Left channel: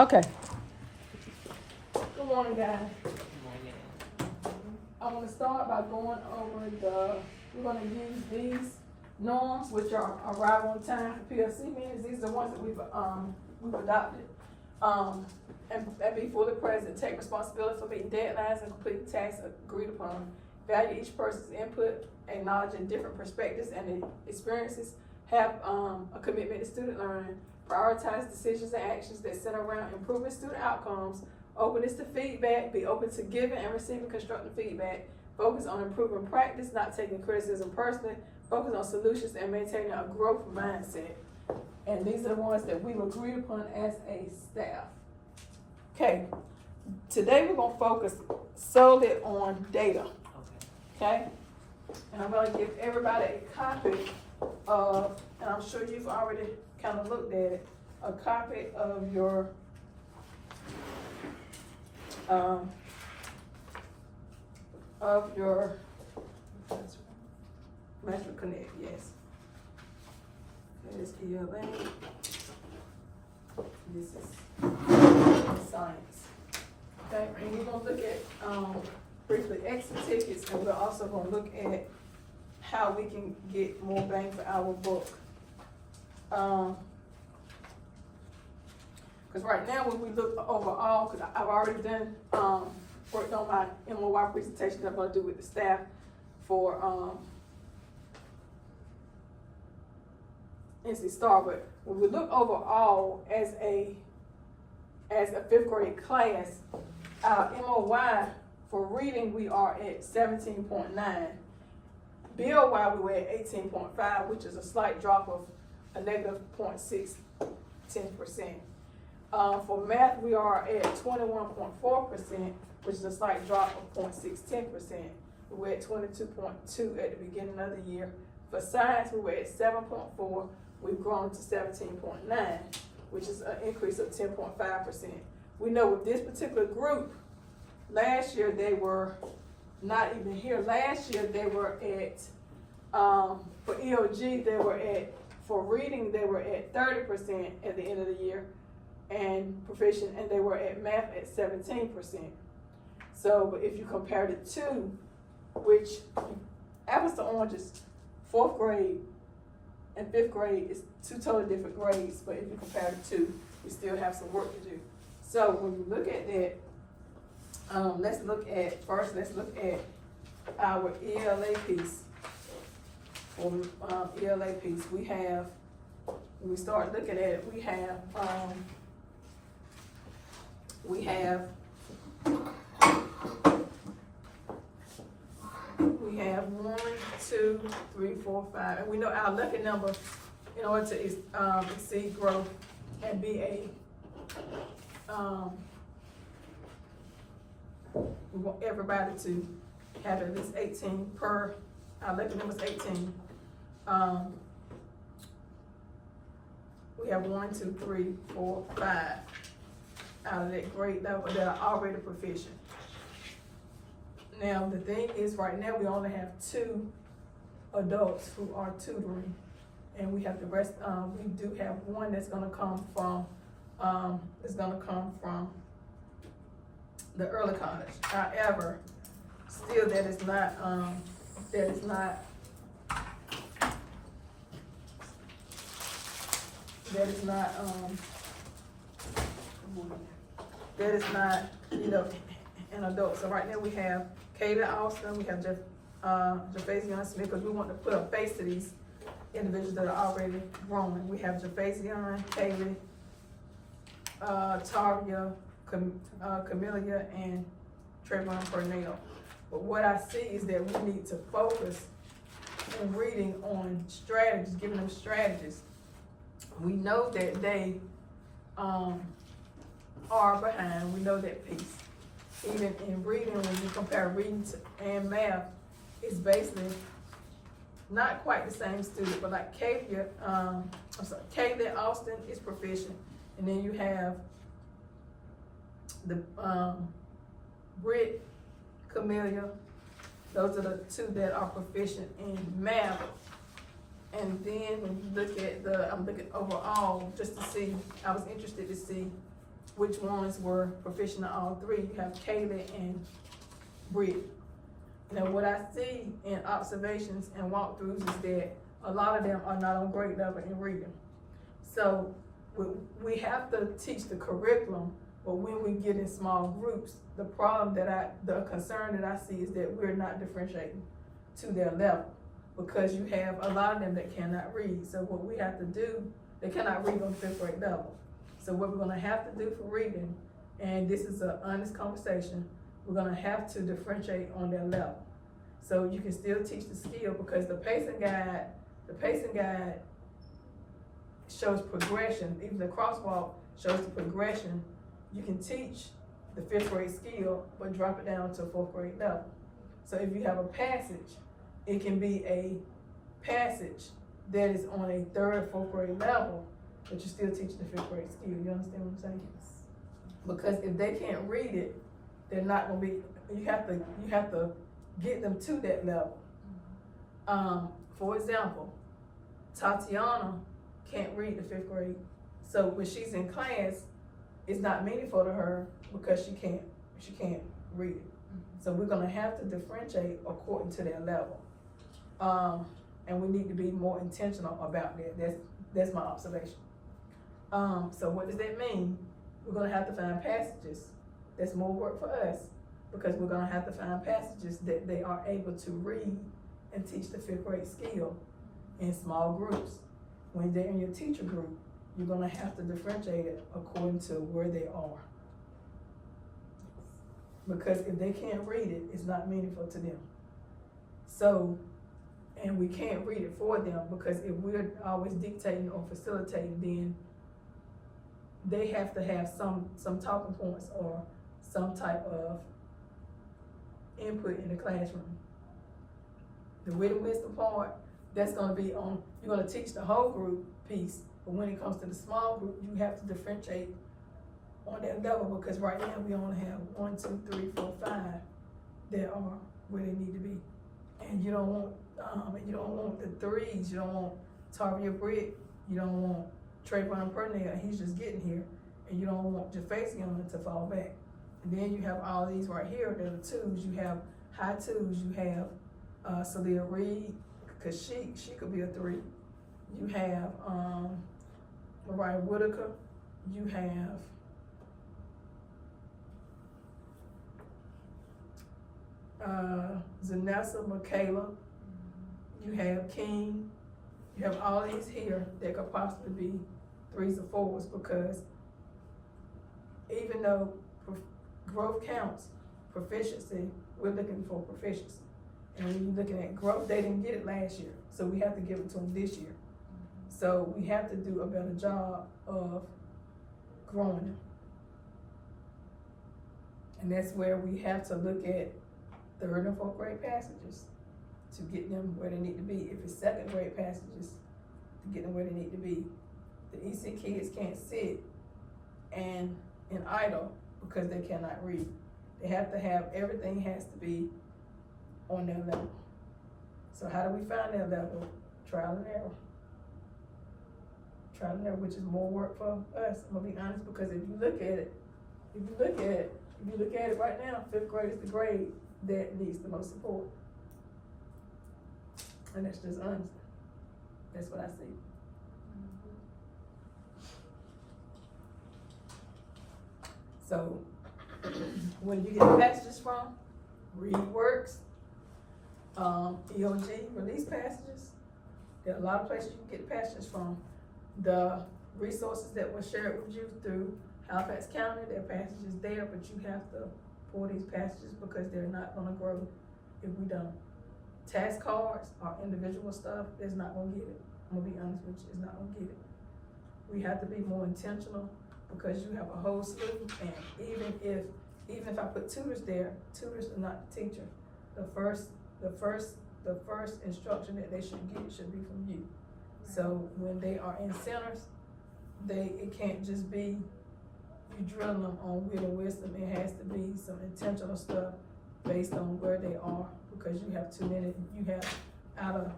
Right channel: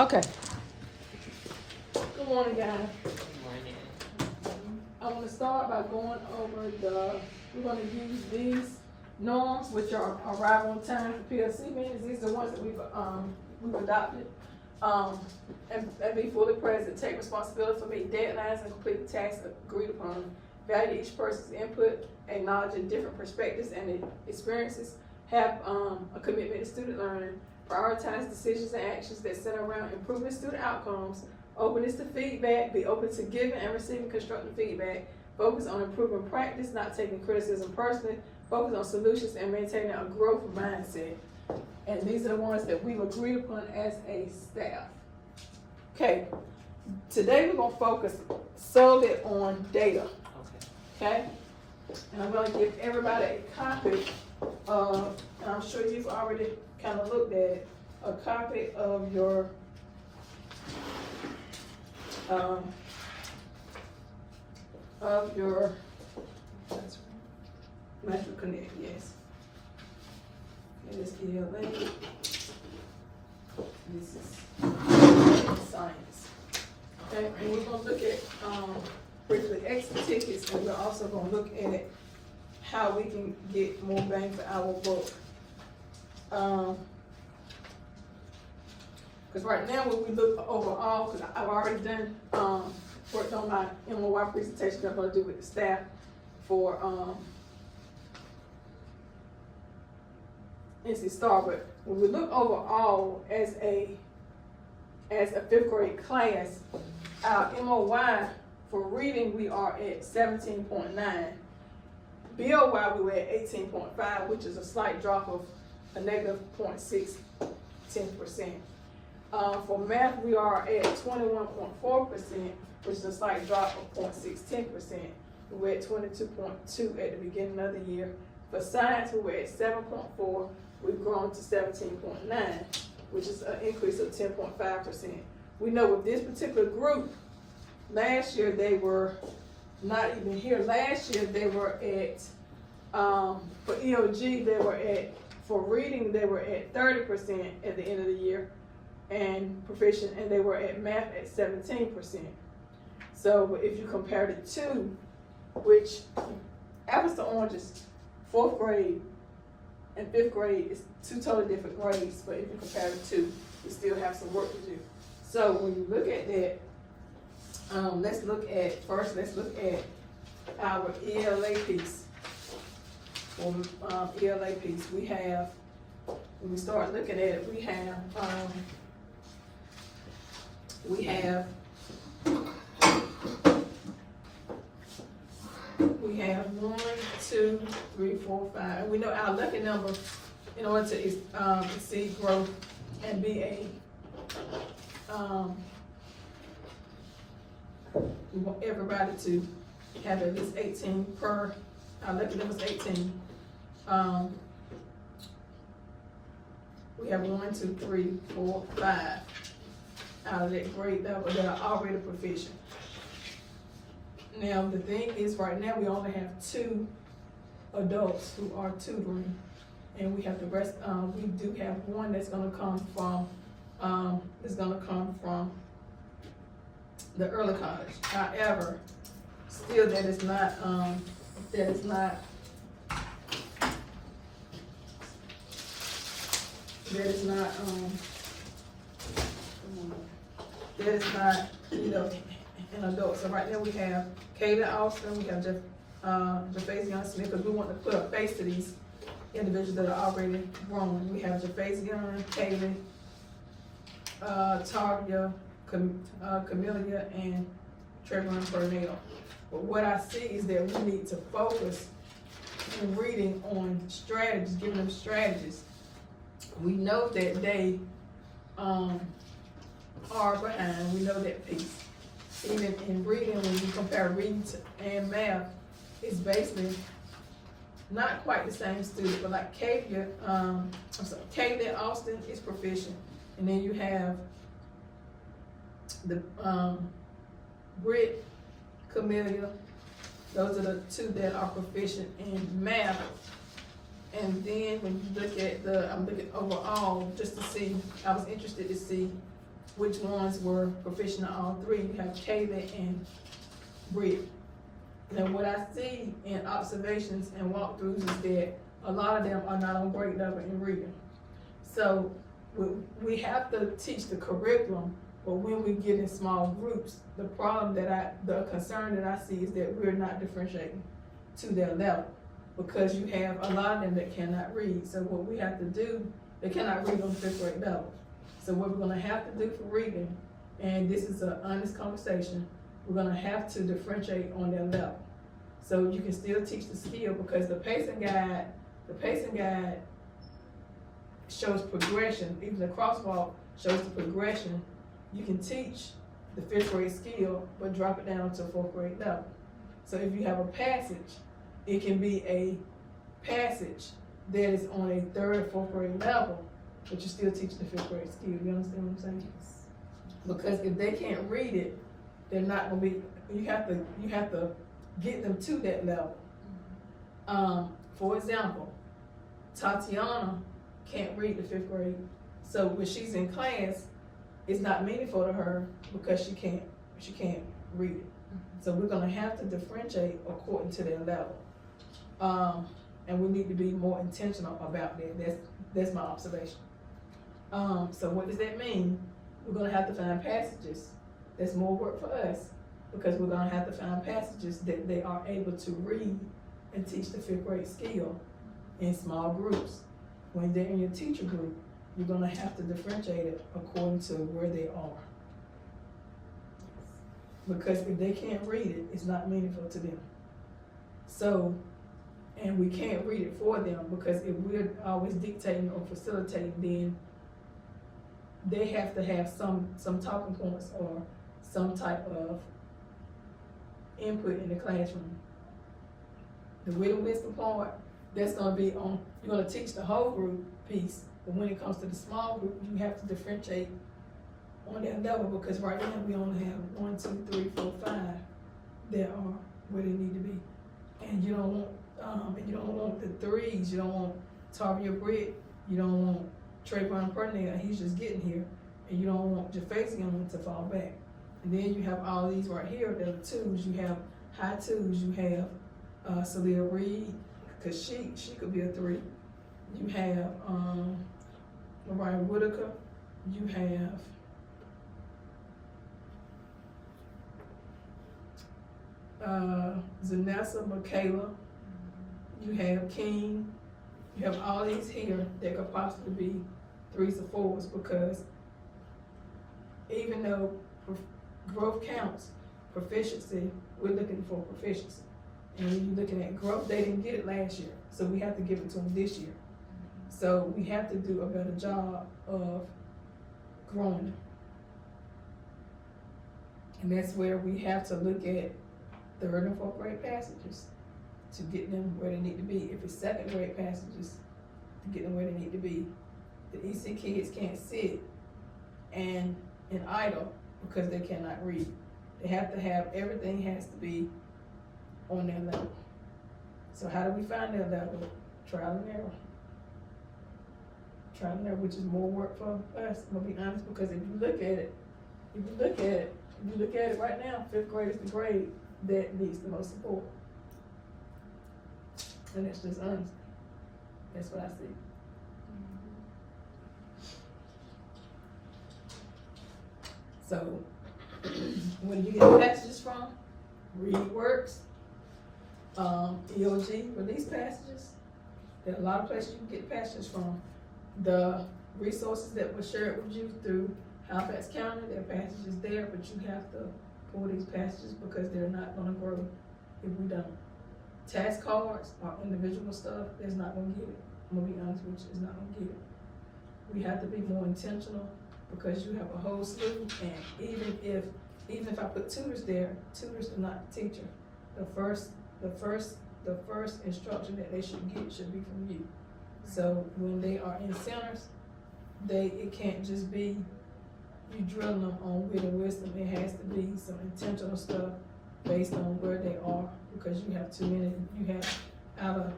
Okay. Good morning, guys. Good morning. I'm gonna start by going over we're gonna use these norms, which are arrival on time for PLC meetings. These are the ones that we've adopted. And be fully present, take responsibility for meeting deadlines and complete tasks agreed upon. Value each person's input, acknowledging different perspectives and experiences. Have a commitment to student learning. Prioritize decisions and actions that center around improving student outcomes. Openness to feedback, be open to giving and receiving constructive feedback. Focus on improving practice, not taking criticism personally. Focus on solutions and maintaining a growth mindset. And these are the ones that we've agreed upon as a staff. Okay, today we're gonna focus solely on data. Okay? And I'm gonna give everybody a copy of, and I'm sure you've already kind of looked at it, a copy of your Master Connect, yes. And this ELA. This is science. Okay, and we're gonna look at briefly exit tickets, and we're also gonna look at how we can get more bang for our book. Because right now when we look overall, because I've already done worked on my MOY presentation that I'm gonna do with the staff for NC Star, but when we look overall as a fifth grade class, our MOY for reading we are at 17.9. BOY we were at 18.5, which is a slight drop of a negative 0.6, 10%. For math we are at 21.4%, which is a slight drop of 0.6, 10%. We were at 22.2 at the beginning of the year. For science we were at 7.4. We've grown to 17.9, which is an increase of 10.5%. We know with this particular group, last year they were not even here. Last year they were at, for EOG they were at, for reading they were at 30% at the end of the year, and proficient, and they were at math at 17%. So if you compare the two, which apples to oranges, fourth grade and fifth grade is two totally different grades, but if you compare the two, you still have some work to do. So when you look at that, let's look at our ELA piece. ELA piece, we have, when we start looking at it, we have 1, 2, 3, 4, 5, and we know our lucky number in order to exceed growth and be we want everybody to have at least 18 per, our lucky number is 18. We have 1, 2, 3, 4, 5 out of that grade level that are already proficient. Now the thing is, right now we only have 2 adults who are tutoring, and we have the rest. We do have 1 that's going to come from the early college. However, still that is not an adult. So right now we have Kayla Austin, we have Jaffazion Smith, because we want to put a face to these individuals that are already growing. We have Jaffazion, Kaylee, Taria, Camellia, and Trayvon Purnell. But what I see is that we need to focus in reading on strategies, giving them strategies. We know that they are behind. We know that piece. Even in reading, when you compare reading and math, it's basically not quite the same student, but like Kaylee Austin is proficient, and then you have the Britt, Camellia. Those are the 2 that are proficient in math. And then when you look at I'm looking overall just to see, I was interested to see which ones were proficient in all three. You have Kayla and Britt. Now, what I see in observations and walkthroughs is that a lot of them are not on grade level in reading. So we have to teach the curriculum, but when we get in small groups, the concern that I see is that we're not differentiating to their level, because you have a lot of them that cannot read. So what we have to do, they cannot read on 5th grade level. So what we're gonna have to do for reading, and this is an honest conversation, we're gonna have to differentiate on their level. So you can still teach the skill, because the pacing guide shows progression. Even the crosswalk shows the progression. You can teach the 5th grade skill, but drop it down to 4th grade level. So if you have a passage, it can be a passage that is on a 3rd, 4th grade level, but you still teach the 5th grade skill. You understand what I'm saying? Yes. Because if they can't read it, they're not gonna be, you have to get them to that level. For example, Tatiana can't read the 5th grade. So when she's in class, it's not meaningful to her because she can't read it. So we're gonna have to differentiate according to their level. And we need to be more intentional about that. That's my observation. So what does that mean? We're gonna have to find passages. That's more work for us, because we're gonna have to find passages that they are able to read and teach the 5th grade skill in small groups. When they're in your teacher group, you're gonna have to differentiate it according to where they are. Because if they can't read it, it's not meaningful to them. So, and we can't read it for them, because if we're always dictating or facilitating, then they have to have some talking points or some type of input in the classroom. The wit and wisdom part, that's gonna be on, you're gonna teach the whole group piece, but when it comes to the small group, you have to differentiate on that level, because right now we only have 1, 2, 3, 4, 5 that are where they need to be. And you don't want the threes, you don't want Tavia Britt, you don't want Trayvon Purnell, he's just getting here, and you don't want Jafazion to fall back. And then you have all these right here that are twos. You have high twos. You have Celia Reed, cause she could be a 3. You have Mariah Whitaker. You have Zanessa Michaela. You have King. You have all these here that could possibly be 3s or 4s, because even though growth counts, proficiency, we're looking for proficiency. And when you're looking at growth, they didn't get it last year, so we have to give it to them this year. So we have to do a better job of growing them. And that's where we have to look at 3rd and 4th grade passages to get them where they need to be. If it's 2nd grade passages, to get them where they need to be. The EC kids can't sit and idle because they cannot read. They have to have, everything has to be on their level. So how do we find their level? Trial and error. Trial and error, which is more work for us. I'm gonna be honest, because if you look at it right now, 5th grade is the grade that needs the most support. And that's just honest. That's what I see. So, where do you get the passages from? Read Works, EOG release passages. There are a lot of places you can get passages from. The resources that were shared with you through Halifax County, there are passages there, but you have to pull these passages because they're not gonna grow if we don't. Task cards or individual stuff is not gonna get it. I'm gonna be honest with you, it's not gonna get it. We have to be more intentional, because you have a whole slew, and even if I put tutors there, tutors are not the teacher. The first instruction that they should get should be from you. So when they are in centers, it can't just be you drilling them on wit and wisdom. It has to be some intentional stuff based on where they are, because you have too many. You have out of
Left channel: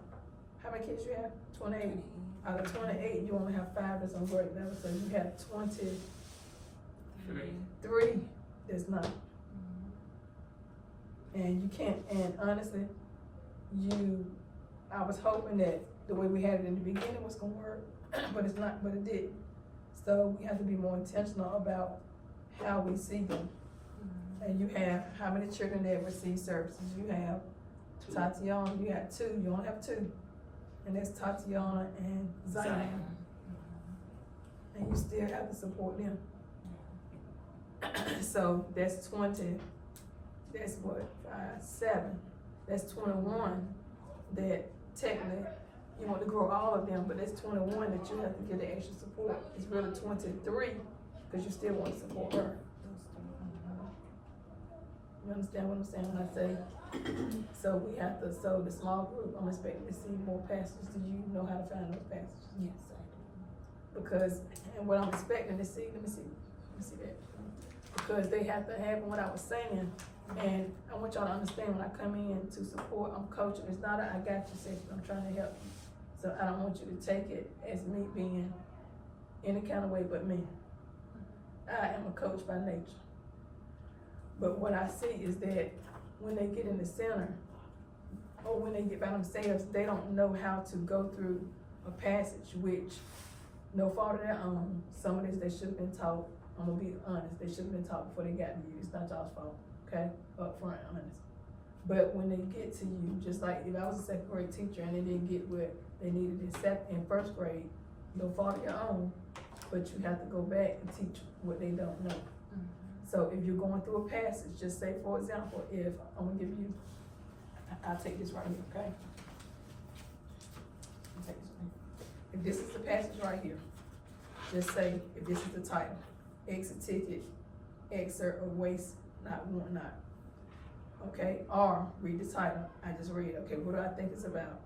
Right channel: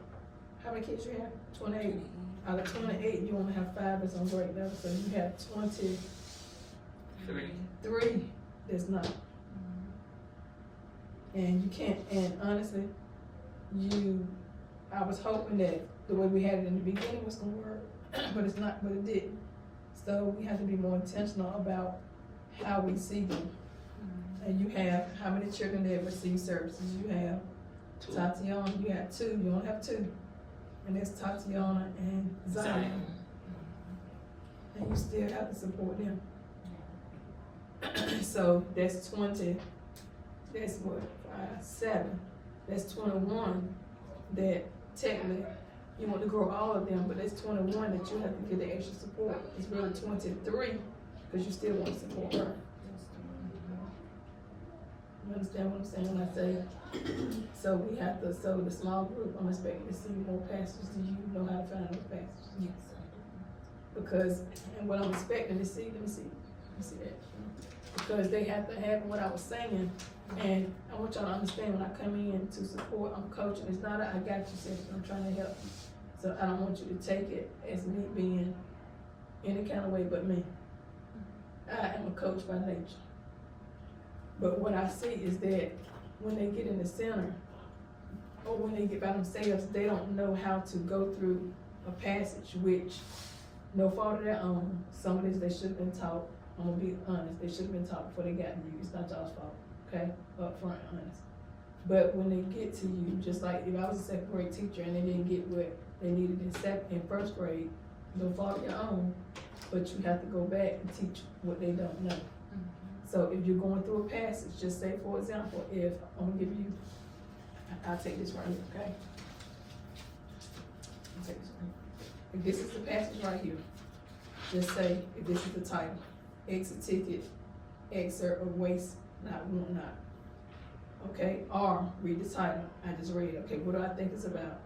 how many kids you have? 28. Out of 28, you only have 5 that's on grade level, so you have 20 3 does not. And you can't, and honestly, I was hoping that the way we had it in the beginning was gonna work, but it's not, but it didn't. So we have to be more intentional about how we see them. And you have, how many children that receive services? You have Tatiana, you had 2, you only have 2. And that's Tatiana and Zion. And you still have to support them. So that's 20, that's what, 5, 7, that's 21 that technically you want to grow all of them, but that's 21 that you have to get the extra support. It's really 23 because you still want to support her. You understand what I'm saying when I say, so we have to, so the small group, I'm expecting to see more pastors. Do you know how to find those pastors? Yes, I do. Because, and what I'm expecting to see, let me see that. Because they have to have what I was saying, and I want y'all to understand when I come in to support, I'm coaching. It's not I got you session, I'm trying to help you. So I don't want you to take it as me being any kind of way but me. I am a coach by nature. But what I see is that when they get in the center, or when they get by themselves, they don't know how to go through a passage, which, no fault of their own, some of this they should have been taught. I'm gonna be honest, they should have been taught before they got to you. It's not y'all's fault, okay? Up front, honest. But when they get to you, just like if I was a second grade teacher and they didn't get what they needed in first grade, no fault of your own, but you have to go back and teach what they don't know. So if you're going through a passage, just say, for example, if I'm gonna give you, I'll take this right here, okay? I'll take this right here. If this is the passage right here, just say, if this is the title, exit ticket, excerpt of waste, not want not. Okay, or read the title, I just read it, okay, what do I think it's about?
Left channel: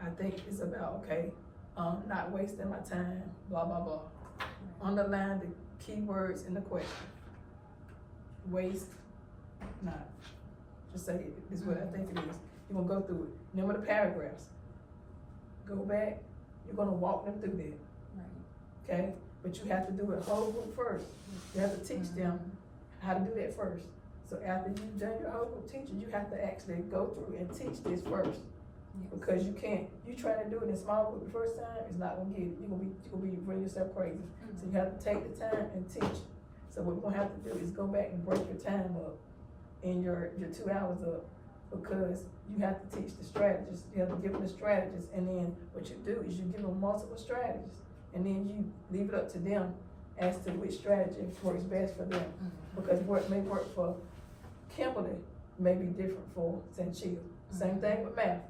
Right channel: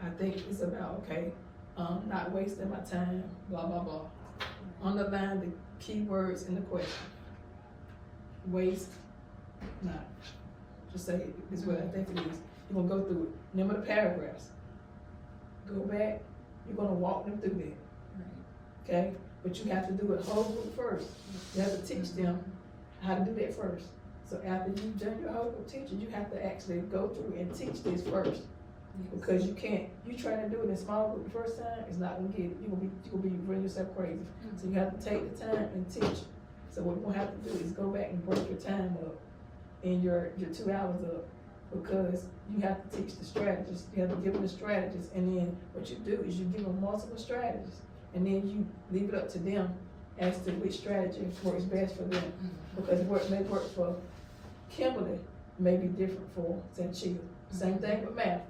I think it's about, okay, not wasting my time, blah, blah, blah. Underline the keywords in the question. Waste, not. Just say, this is what I think it is. You're gonna go through it. Remember the paragraphs. Go back, you're gonna walk them through that. Okay? But you have to do it whole group first. You have to teach them how to do that first. So after you've done your whole group teaching, you have to actually go through and teach this first. Because you can't, you trying to do it in small group the first time, it's not gonna get it. You're gonna be running yourself crazy. So you have to take the time and teach. So what we're gonna have to do is go back and break your time up and your 2 hours up, because you have to teach the strategists. You have to give them the strategists, and then what you do is you give them multiple strategies, and then you leave it up to them as to which strategy works best for them. Because what may work for Kimberly may be different for Sanchia. Same thing with math.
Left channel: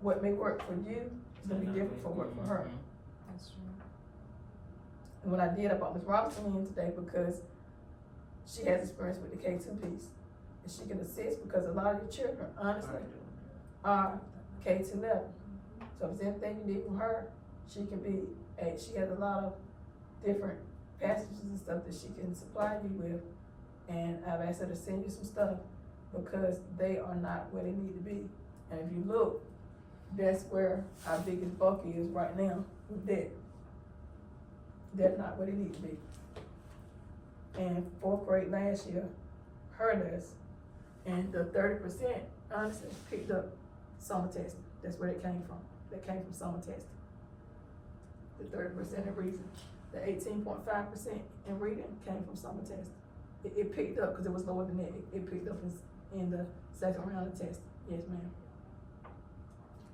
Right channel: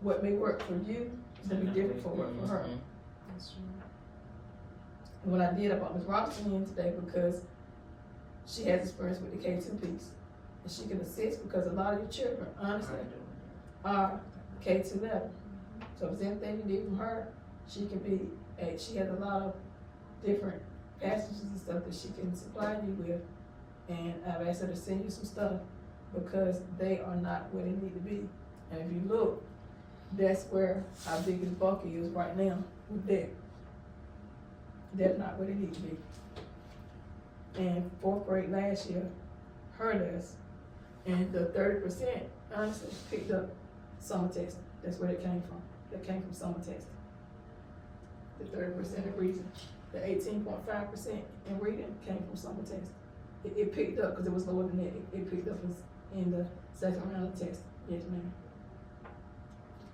What may work for you is gonna be different for work for her. That's true. And what I did, I brought Ms. Robinson in today because she has experience with the K2 piece. And she can assist because a lot of your children, honestly, are K2 level. So if there's anything you need from her, she can be, she has a lot of different passages and stuff that she can supply you with. And I've asked her to send you some stuff because they are not where they need to be. And if you look, that's where our biggest buck is right now with that. They're not where they need to be. And 4th grade last year hurt us. And the 30% honestly picked up summer testing. That's where it came from. That came from summer testing. The 30% of reading. The 18.5% in reading came from summer testing. It picked up because it was lower than that. It picked up in the second round of testing. Yes, ma'am.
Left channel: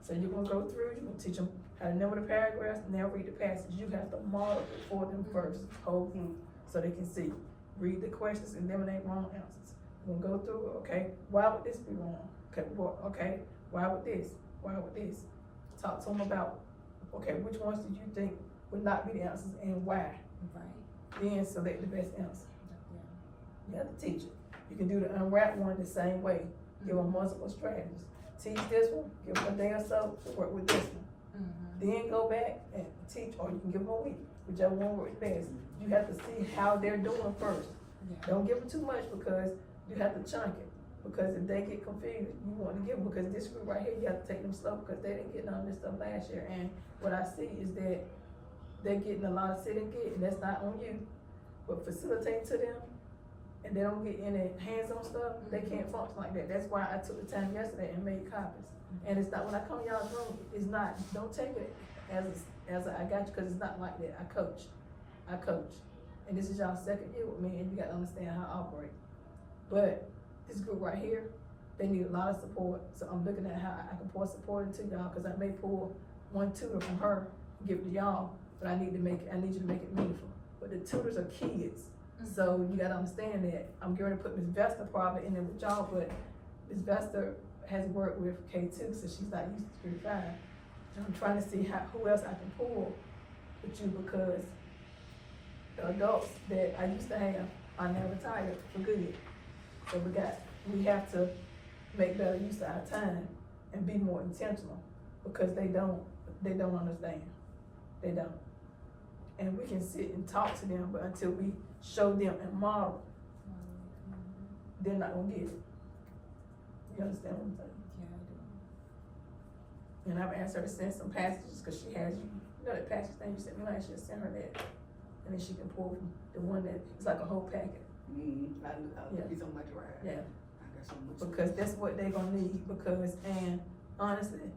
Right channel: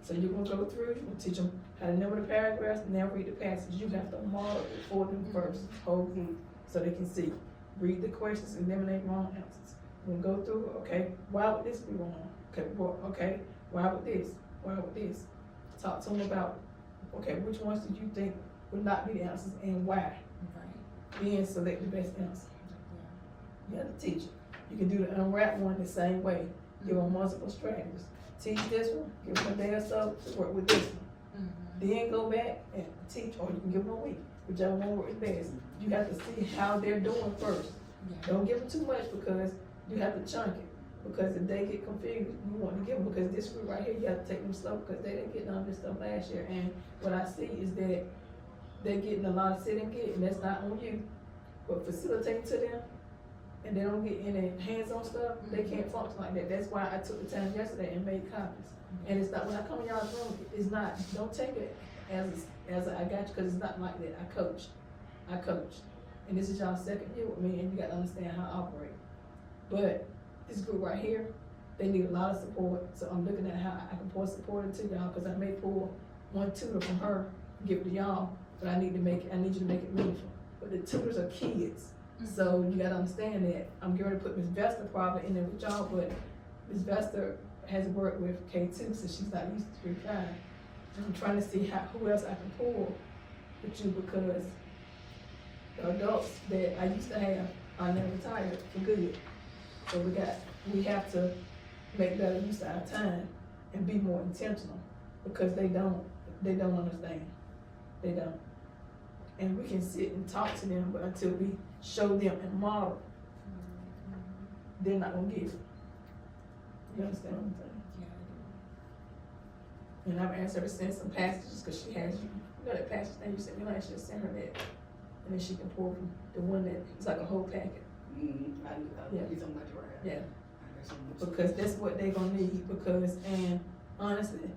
So you're gonna go through, you're gonna teach them how to number the paragraphs and then read the passage. You have to model it for them first, whole group, so they can see. Read the questions, eliminate wrong answers. We'll go through it, okay, why would this be wrong? Okay, well, okay, why would this? Why would this? Talk to them about, okay, which ones do you think would not be the answers and why? Right. Then select the best answer. Yeah. You have to teach it. You can do the unwrap one the same way. Give them multiple strategies. Teach this one, give them a day or so to work with this one. Then go back and teach, or you can give them a week, whichever one works best. You have to see how they're doing first. Yeah. Don't give them too much because you have to chunk it. Because if they get confused, you want to give them, because this group right here, you have to take them slow because they didn't get none of this stuff last year. And what I see is that they're getting a lot of sit and get, and that's not on you. But facilitate to them and they don't get any hands-on stuff, they can't function like that. That's why I took the time yesterday and made copies. And it's not, when I come in y'all's room, it's not, don't take it as I got you, cause it's not like that. I coach. And this is y'all's second year with me, and you gotta understand how I operate. But this group right here, they need a lot of support, so I'm looking at how I can pour support into y'all, cause I may pull one tutor from her, give it to y'all, but I need you to make it meaningful. But the tutors are kids, so you gotta understand that. I'm going to put Ms. Vester probably in there with y'all, but Ms. Vester has worked with K2, so she's not used to 3-5. And I'm trying to see who else I can pull with you, because the adults that I used to have are now retired for good. So we have to make better use of our time and be more intentional, because they don't understand. They don't. And we can sit and talk to them, but until we show them and model, they're not gonna get it. You understand what I'm saying? Yeah, I do. And I've asked her to send some passages, cause she has you know that passage thing you sent me last year, send her that. And then she can pull from the one that, it's like a whole packet. Mm-hmm. I'll Yeah. get something like that right. Yeah. I got something. Because that's what they're gonna need, because, and honestly,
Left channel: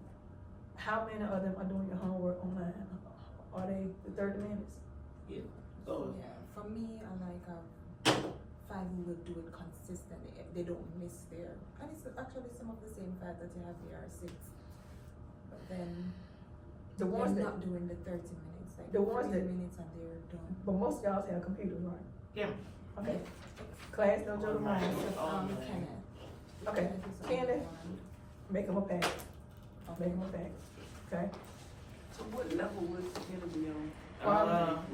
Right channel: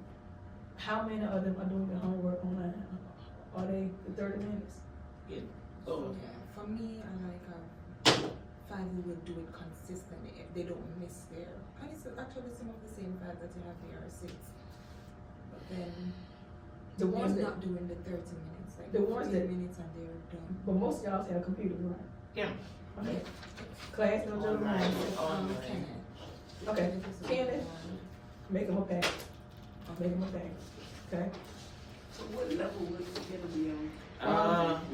how many of them are doing their homework online? Are they the 30 minutes? Oh, Yeah, for me, I like, 5 who will do it consistently if they don't miss their, and it's actually some of the same 5 that you have there are 6. But then, The ones they're that, not doing the 30 minutes, like the ones 30 that- minutes and they're done. but most of y'all have computers, right? Yeah. Okay. Class, no joke, Online. Kenneth. Okay, Kenneth is on Kenneth. one. Make them a packet, make them a packet, okay? So what level would it be on?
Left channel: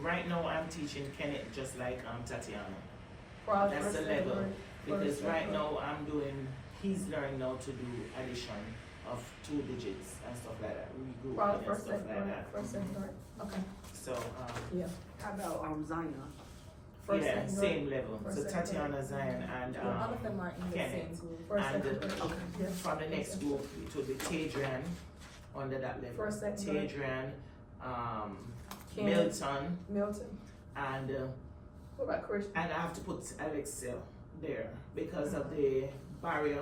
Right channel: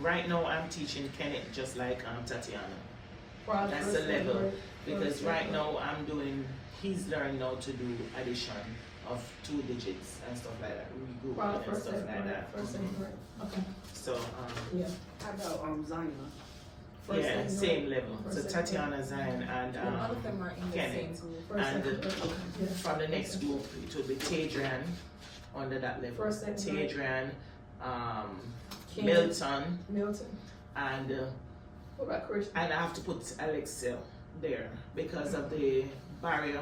Right now I'm teaching Kenneth just like Tatiana. Probably That's first the grade, level, first because grade. right now he's learning now to do addition of 2 digits and stuff like that, regrouping Probably and first, stuff second like grade, that. first, second grade, okay, So, yeah. How about Zion? First, yeah, second same grade. level, First, so second grade. Tatiana, Zion, and All of them are in the same Kenneth. group. First, And second grade, yeah. from the next group, it will be Tadrian under that level. First, second grade. Tadrian, Kenneth. Milton, Milton, and what about Christian? I have to put Alexa there because of the barrier.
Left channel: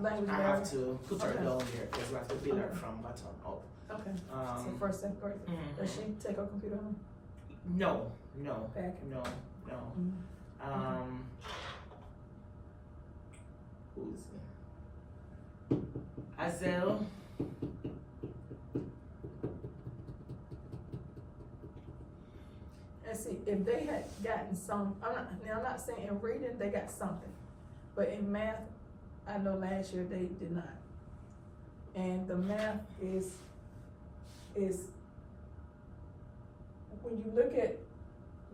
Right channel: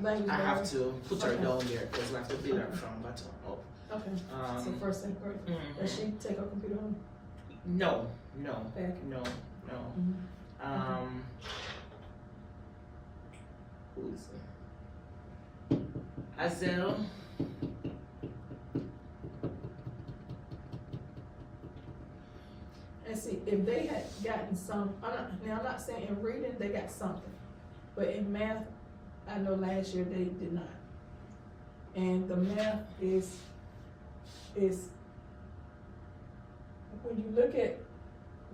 Language I have barrier? to put her Okay. down there because we have to build her Okay. from bottom up. Okay, so Um, first, second grade, mhm. does she take her computer home? No. Back. Um, who's Azel? And see, if they had gotten some, I'm not saying in reading, they got something, but in math, I know last year they did not. And the math is, when you look at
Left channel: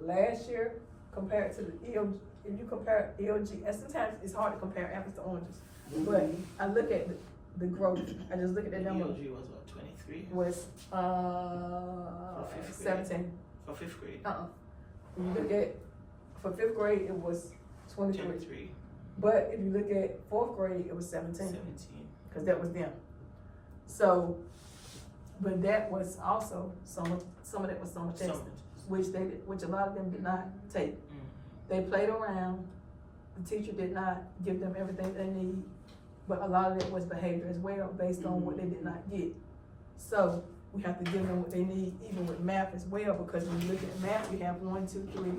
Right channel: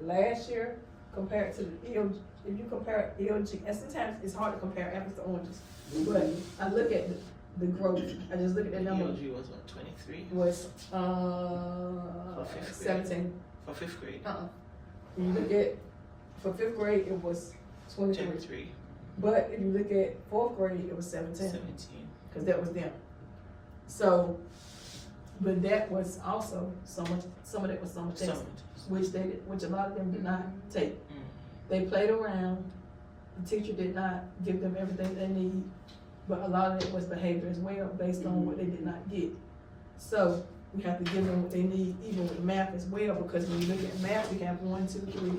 last year compared to the ELG, if you compare ELG, and sometimes it's hard to compare apples to oranges, but I look at the growth, I just look at that number, ELG was what, 23? was, fifth grade. 17. For 5th grade? When you look at, for 5th grade, it was 23. 23, But if you look at 4th grade, it was 17, 17. cause that was them. So, but that was also some of that was summer testing, which a lot of them did not take. They played around, the teacher did not give them everything they need, but a lot of it was behavior as well, based on what they did not get. So, we have to give them what they need, even with math as well, because when you look at math, we have 1, 2, 3,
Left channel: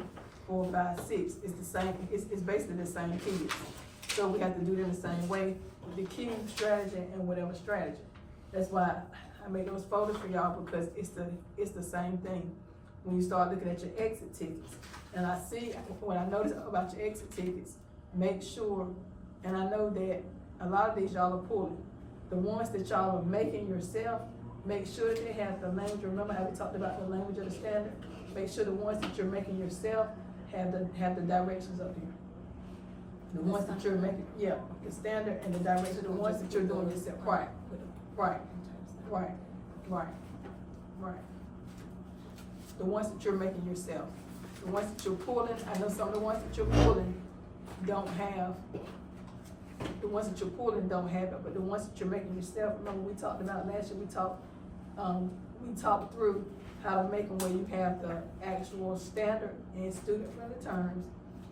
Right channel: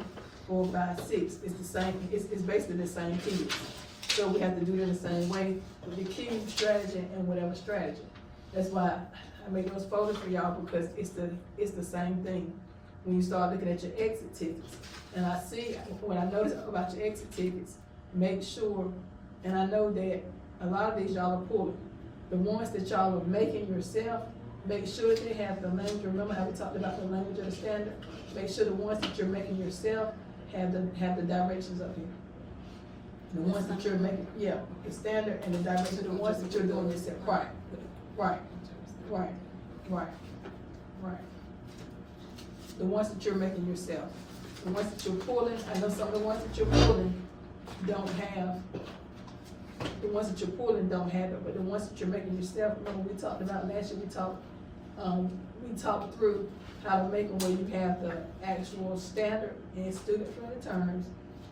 4, 5, 6, it's the same, it's basically the same kids. So we have to do it in the same way, with the cube strategy and whatever strategy. That's why I made those folders for y'all, because it's the same thing. When you start looking at your exit tickets, and I see, when I notice about your exit tickets, make sure, and I know that a lot of these y'all are pulling, the ones that y'all are making yourself, make sure that they have the language. Remember how we talked about the language of the standard? Make sure the ones that you're making yourself have the directions up here. The ones that you're making, yeah, the standard and the directions, the ones that you're doing yourself, right, right, right, right, right. The ones that you're making yourself, the ones that you're pulling, I know some of the ones that you're pulling don't have, the ones that you're pulling don't have it, but the ones that you're making yourself, remember we talked about last year, we talked through how to make them where you have the actual standard and student-friendly terms,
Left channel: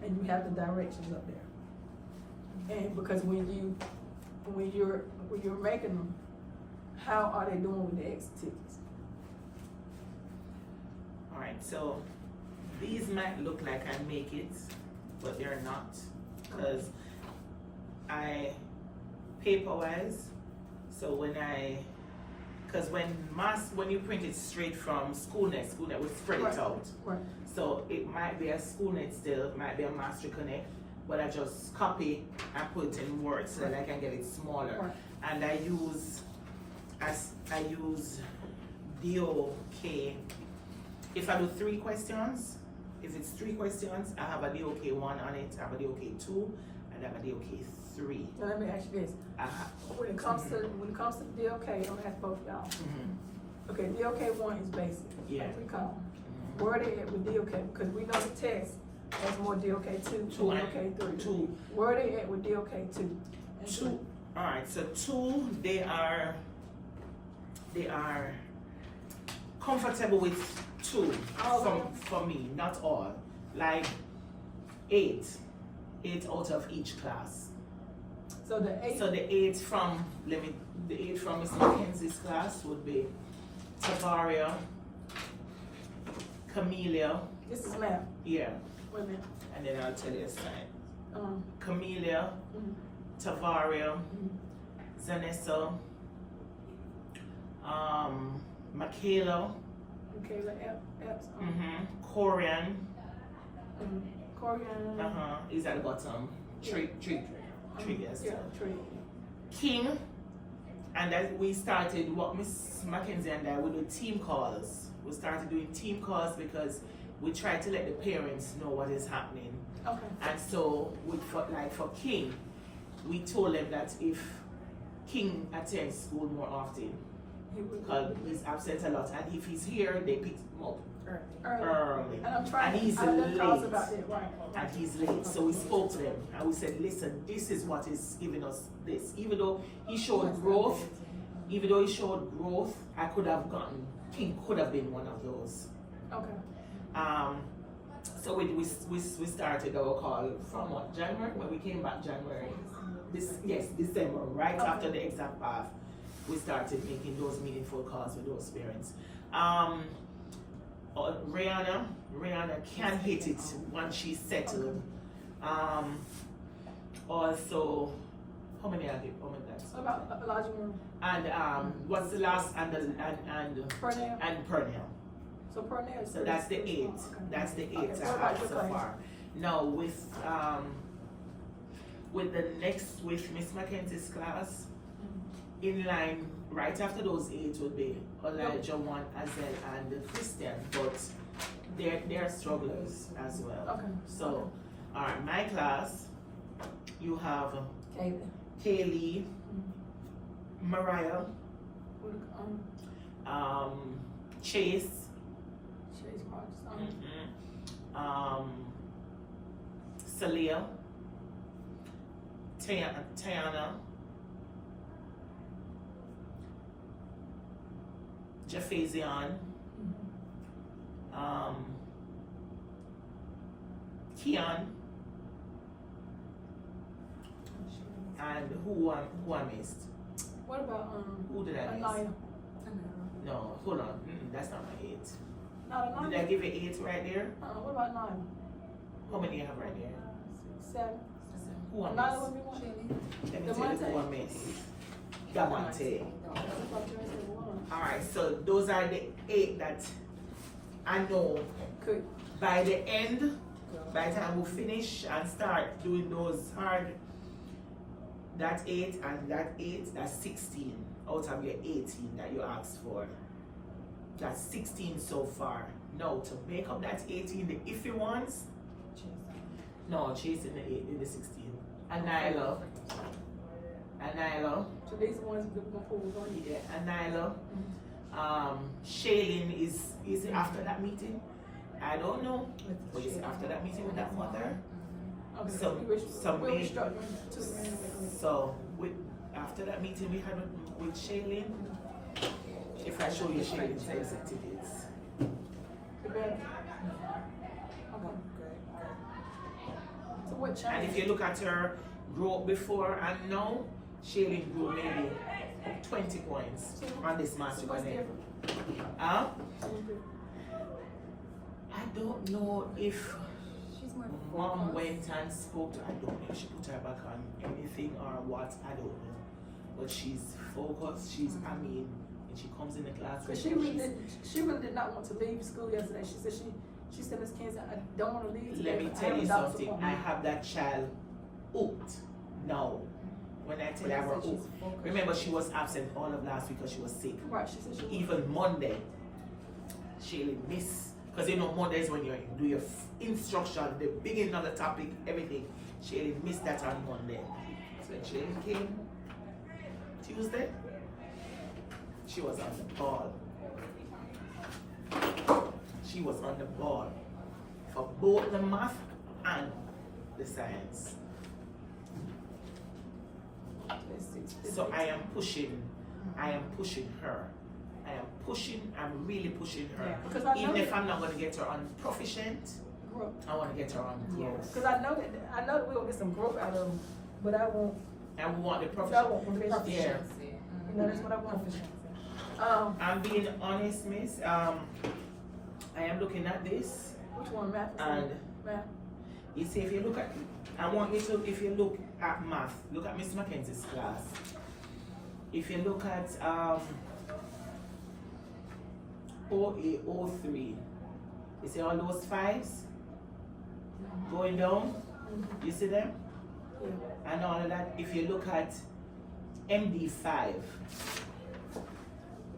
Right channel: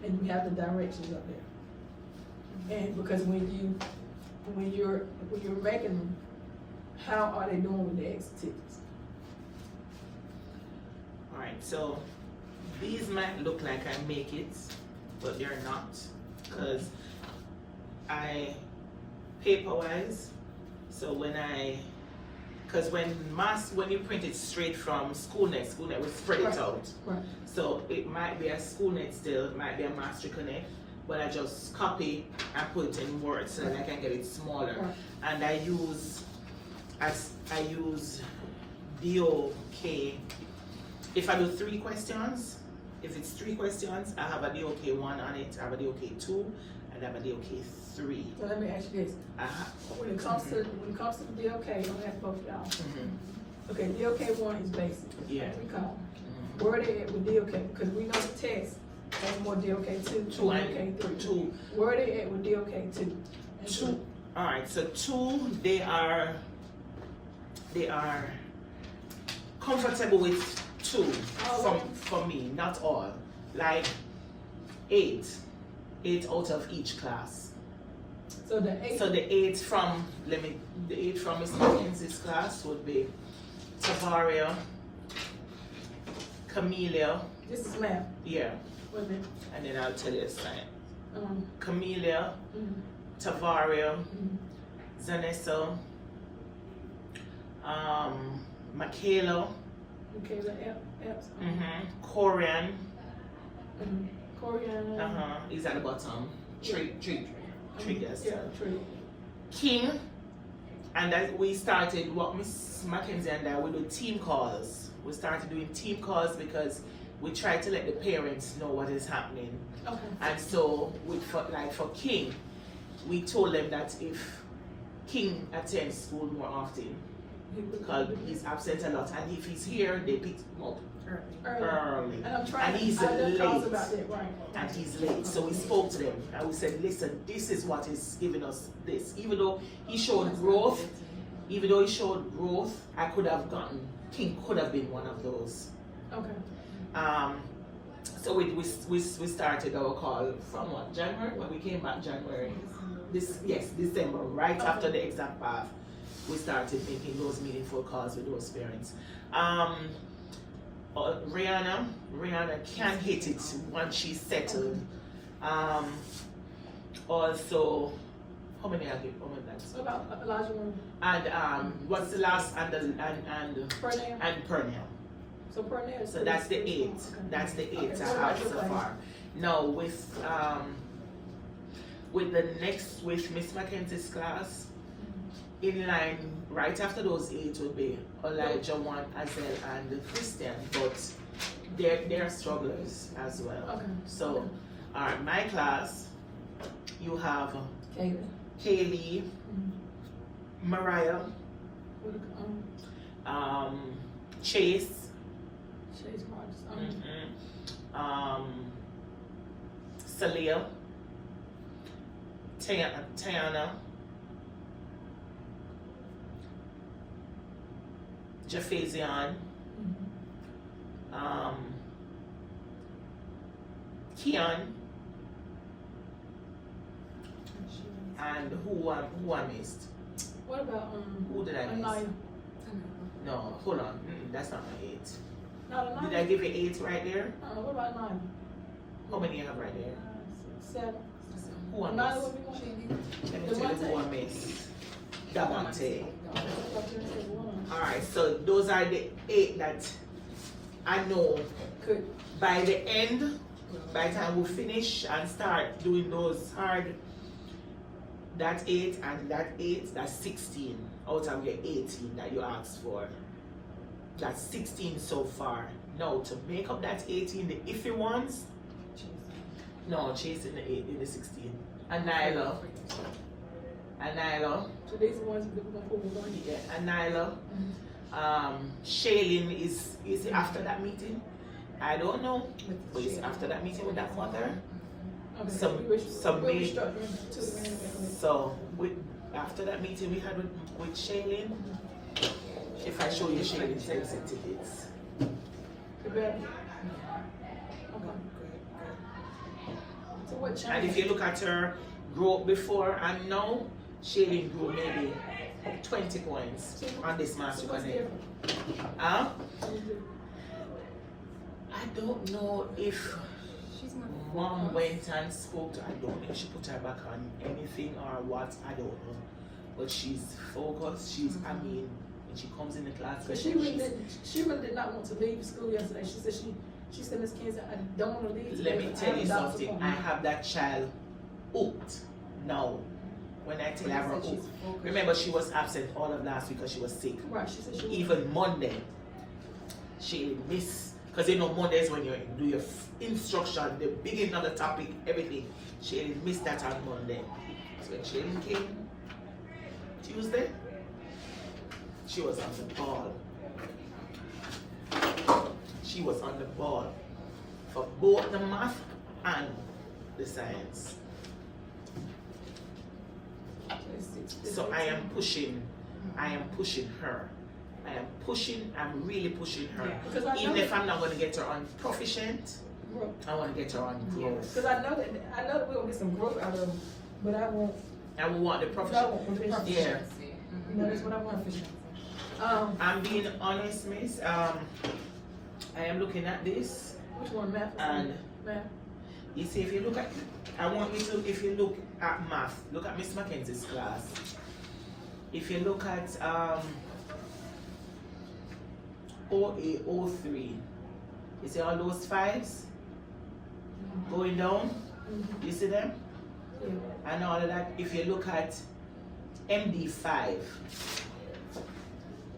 and you have the directions up there. And because when you're making them, how are they doing with the exit tickets? Alright, so these might look like I make it, but they're not. Because paper wise, so when you print it straight from SchoolNet will spread it Right. out. Right. So it might be a SchoolNet still, it might be a Master Connect, but I just copy and put it in Word so that I can get it smaller. Right. And I use DOK. If I do 3 questions, if it's 3 questions, I have a DOK 1 on it, I have a DOK 2, and I have a DOK 3. So let me ask you this. Uh-huh. When it comes to the DOK, I'm gonna ask both of y'all. Mhm. Okay, DOK 1 is basic. Yeah. We call. Mhm. Where they at with DOK? Because we know the test has more DOK 2, Two and DOK 3. 2. Where they at with DOK 2? 2. Alright, so 2, they are comfortable with 2 for me, not all. Like 8 out of each class. So the 8. So the 8 from Miss Mackenzie's class would be Tavaria, Camellia, This is math. yeah, Wait a minute. and then I'll tell you a sign. Mm, Camellia, mm, Tavaria, mm. Zanessa, Michaela, Okay, Epps. Corian, Corian. is at the bottom. Tree, yes. Yeah, tree. King, and that we started what Miss Mackenzie and I would do team calls. We started doing team calls because we try to let the parents know what is happening. Okay. And so for King, we told them that if King attends school more often, because he's absent a lot, and if he's here, they pick him up early. And I'm trying And he's I know calls late. about that, right. And he's late. So we spoke to them and we said, listen, this is what is giving us this. Even though he showed growth, I could have gotten, King could have been one of those. Okay. So we started our call from what, January? When we came back January. December, right after the exam path, we started making those meaningful calls with those parents. Rihanna can hit it once she's settled. Also, how many are there? What about Elijah Room? And what's the last and Pernell? and Pernell. So Pernell is. So that's the 8. Okay. That's the 8 Okay, I what have about so your far. Now with Miss Mackenzie's class, in line right after those 8 would be Elijah 1, Azel, and Christian, but they're strugglers as well. Okay. So, alright, my class, you have Kaylee. Kaylee, Mariah, Chase, Chase Rogers. Celia, Tiana, Jaffazian, Keon, and who I missed? What about Who did I miss? Anaya? No, hold on. That's not my 8. No, Anaya. Did I give you 8 right there? What about Anaya? How many you have right there? 7. Who I Anaya missed? would be one. Let me tell you who I missed. Davante. Alright, so those are the 8 that I know Could. by the end, by the time we finish and start doing those hard, that 8 and that 8, that's 16 out of your 18 that you asked for. That's 16 so far. Now to make up that 18, the iffy ones, no, chasing the 8 in the 16. And Nyla. So these are the ones we're gonna pull on. Yeah, and Nyla. Shailene is it after that meeting? I don't know. But is it after that meeting with that mother? Okay. Some we're made. restructuring to the end of it. So after that meeting we had with Shailene, if I show you Shailene's exit tickets. The better. Okay. So what And changed? if you look at her grew up before and now, Shailene grew maybe 20 points on this master connect. Huh? I don't know if She's more Mom focused. went and spoke to her. I don't know if she put her back on anything or what, I don't know. But she's focused, she's, I mean, when she comes in the class, But she really did not want to leave school yesterday. She said she said, Miss Kansas, I don't want to leave today. let me but I tell have you a doctor's something, I appointment." have that child hooked now. When I tell you I have her She said hooked. she's focused. Remember, she was absent all of last week because she was sick. Right, she said she was. Even Monday, she missed, because you know Monday is when you do your instruction, the beginning of the topic, everything. She missed that on Monday. So when she came Tuesday, she was on the ball. She was on the ball for both the math and the science. So I am pushing her. I'm really pushing her. Yeah. Because I know Even if that- I'm not going to get her on proficient, Growth. I want to get her on growth. Because I know that we're gonna get some growth out of them, but I want. And we want the I proficient. want proficiency. Yeah. Proficiency. You know, that's what I want. Proficiency. I'm being honest, miss. I am looking at this, Which one, math? and Math. you see, if you look at, I want you to, if you look at math, look at Miss Mackenzie's class. If you look at OA, O3, you see all those fives going down? Mhm. You see them? Yeah. And all of that. If you look at MD5,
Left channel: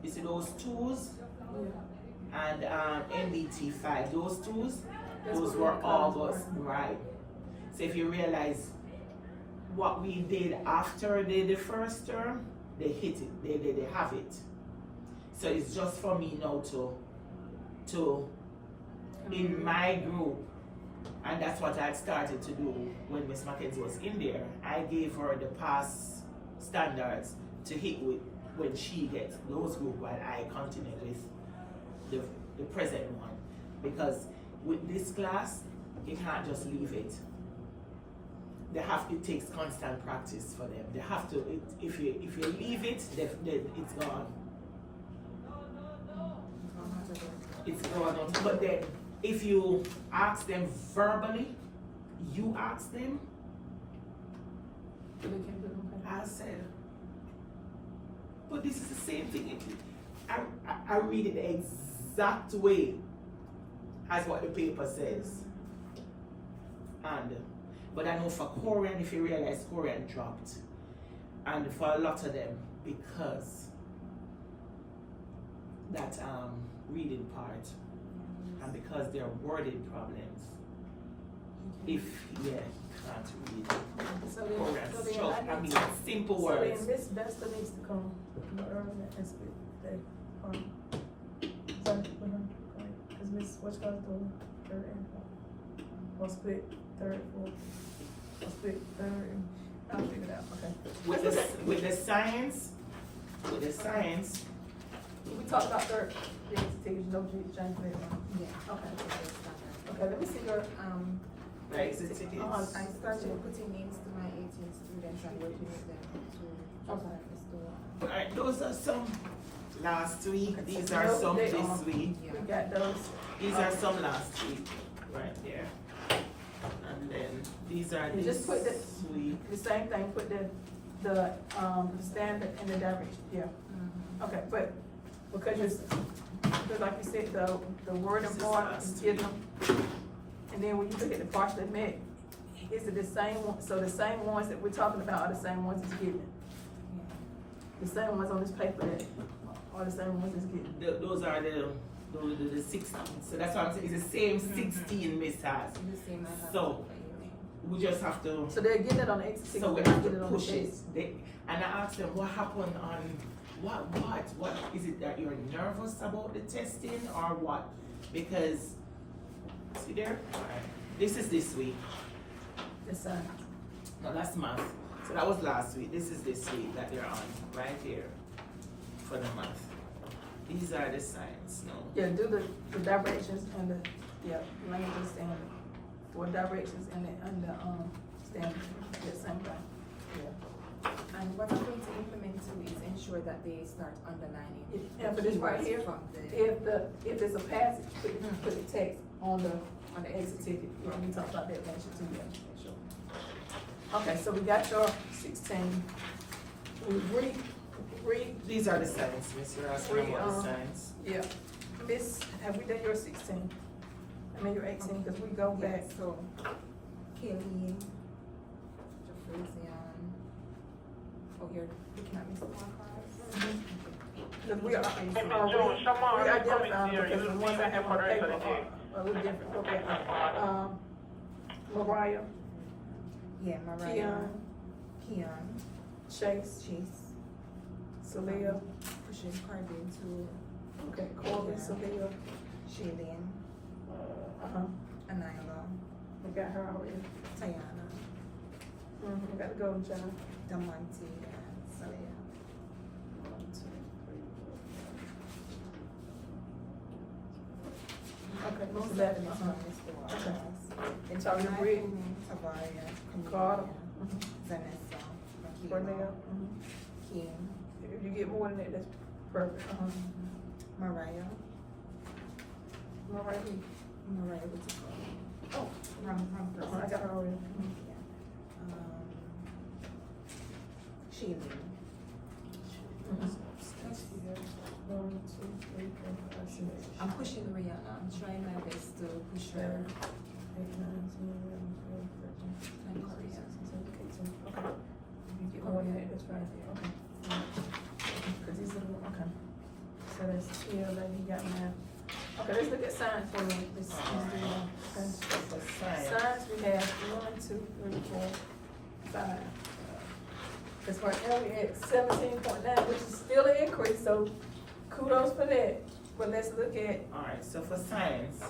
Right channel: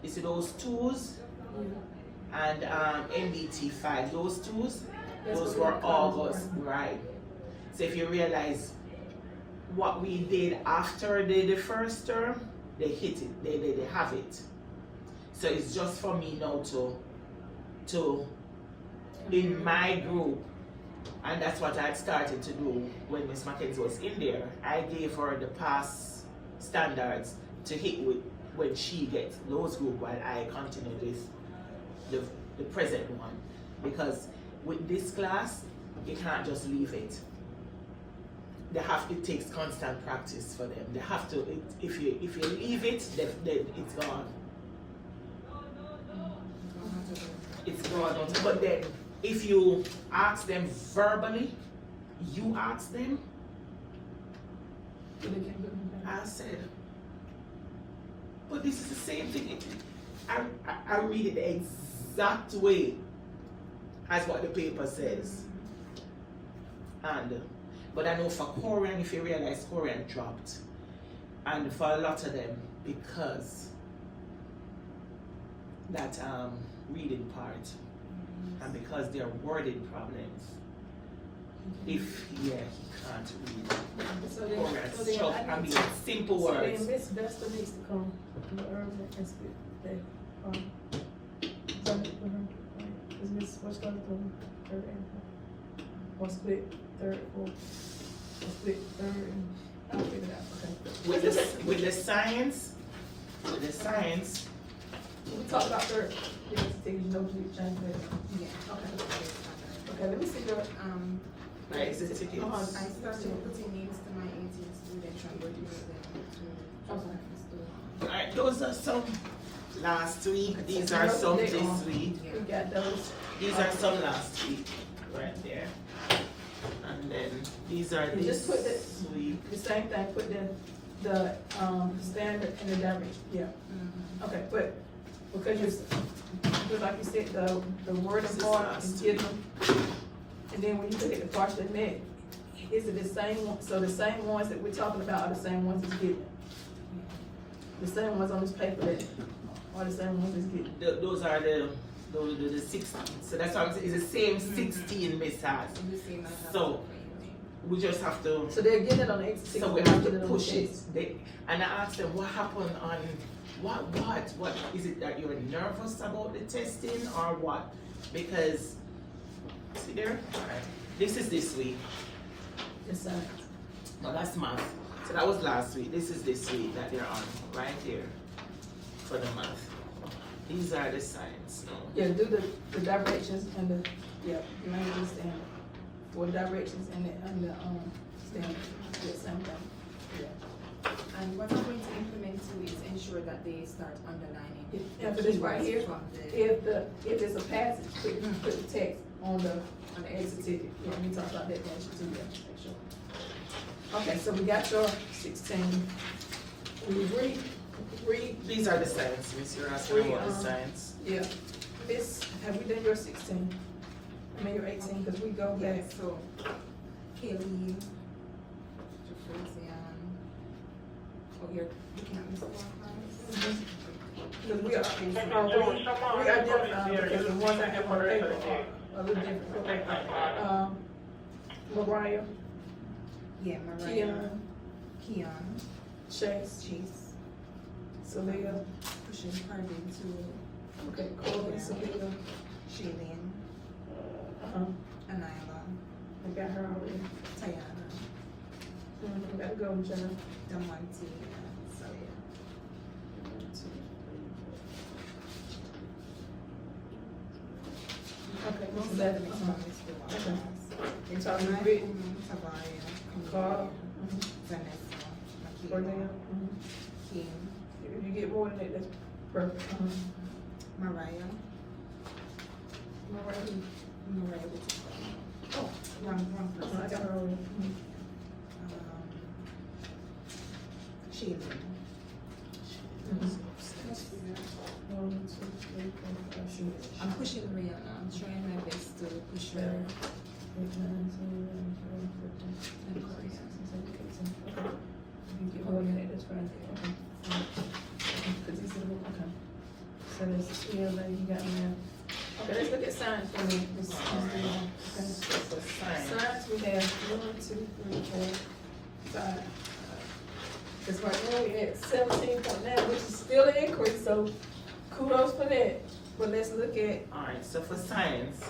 you see those twos? Yeah. And MDT5, those twos, That's those what were the August, classes were. right? So if you realize what we did after the first term, they hit it, they have it. So it's just for me now to in my group, and that's what I had started to do when Miss Mackenzie was in there. I gave her the past standards to hit with when she gets those group, while I continue with the present one. Because with this class, you can't just leave it. It takes constant practice for them. They have to, if you leave it, then it's gone. It's gone. But then, if you ask them verbally, you ask them, So they can't get them back. I said, but this is the same thing. I read it the exact way as what the paper says. But I know for Korean, if you realize Korean dropped, and for a lot of them, because that reading part, and because there are wording problems, if you can't read So then, Korean, so then short, I mean simple so words. then Miss Desta needs to come early and speak. Sorry, because Miss what's going to third and fourth. Or split third, fourth. Or split third and I'll figure it out. Okay. With the science, We talked about third. Yes, take your notes, you change that. Yeah. Okay. Okay, let me see your exit tickets. I started putting names to my 18 students and working with them to Okay. practice the Alright, those are some last week. Okay, These so are note some they this are. week. We got those. These are some last week, right there. And then these are Yeah, just put this week. The same thing, put the standard and the direction, yeah. Okay, but because like you said, the word This of is God last is given. And then when you look at the partially met, is it the same one, so the same ones that we're talking about are the same ones that's given? The same ones on this paper that are the same ones that's given? Those are the 16. So that's what I'm saying. It's the same 16 Miss has. the same I have So, for Elaine. We just have to. So they're getting it on the exit. So we have to push it. And I asked them what happened on what is it that you're nervous about the testing or what? Because see there? Alright. This is this week. Yes, sir. No, that's math. So that was last week. This is this week that they're on, right here. For the math. These are the science, no? Yeah, do the directions and the, yeah, languages and for directions and STEM, the same thing. And what I'm going to implement too is ensure that they start underlining And the for this right keywords here, from the, if it's a passage, put the text on the exit ticket. Yeah, we talked about that next too, yeah, make sure. Okay, so we got your 16. We read, These are the signs, Miss. You're asking about the signs. yeah. Miss, have we done your 16? I mean your 18, cause we go yeah, back. so Kayleen, Jefferson, oh, you're looking at Miss Class? Cause we identify them because the ones I have on paper are a little different, okay. Mariah, Yeah, Mariah, Keon, Chase, Chase, Celia, pushing Cardin to okay, Corbin, Yeah. Celia, Shailene, Anila, I got her already. Tayana, Gotta go, Jenna. Damonte, and so yeah. Okay, Most of them is from Miss Duarte. And so you read, Tavaria, Carl, Camilla, Vanessa, Cornelia, Makila, Kim, if you get more than that, that's perfect. Mariah, Mariah with the Oh, wrong I person. got her already. Shailene. I'm pushing Rihanna. I'm trying my best to push her. And Korea. You get more than that, that's fine. Cause these are the, okay. So there's that you got now. Okay, let's look at signs for me. This is the, okay. For signs. Signs, we have 1, 2, 3, 4, 5. Cause right now we're at 17.9, which is still an increase, so kudos for that. But let's look at Alright, so for science,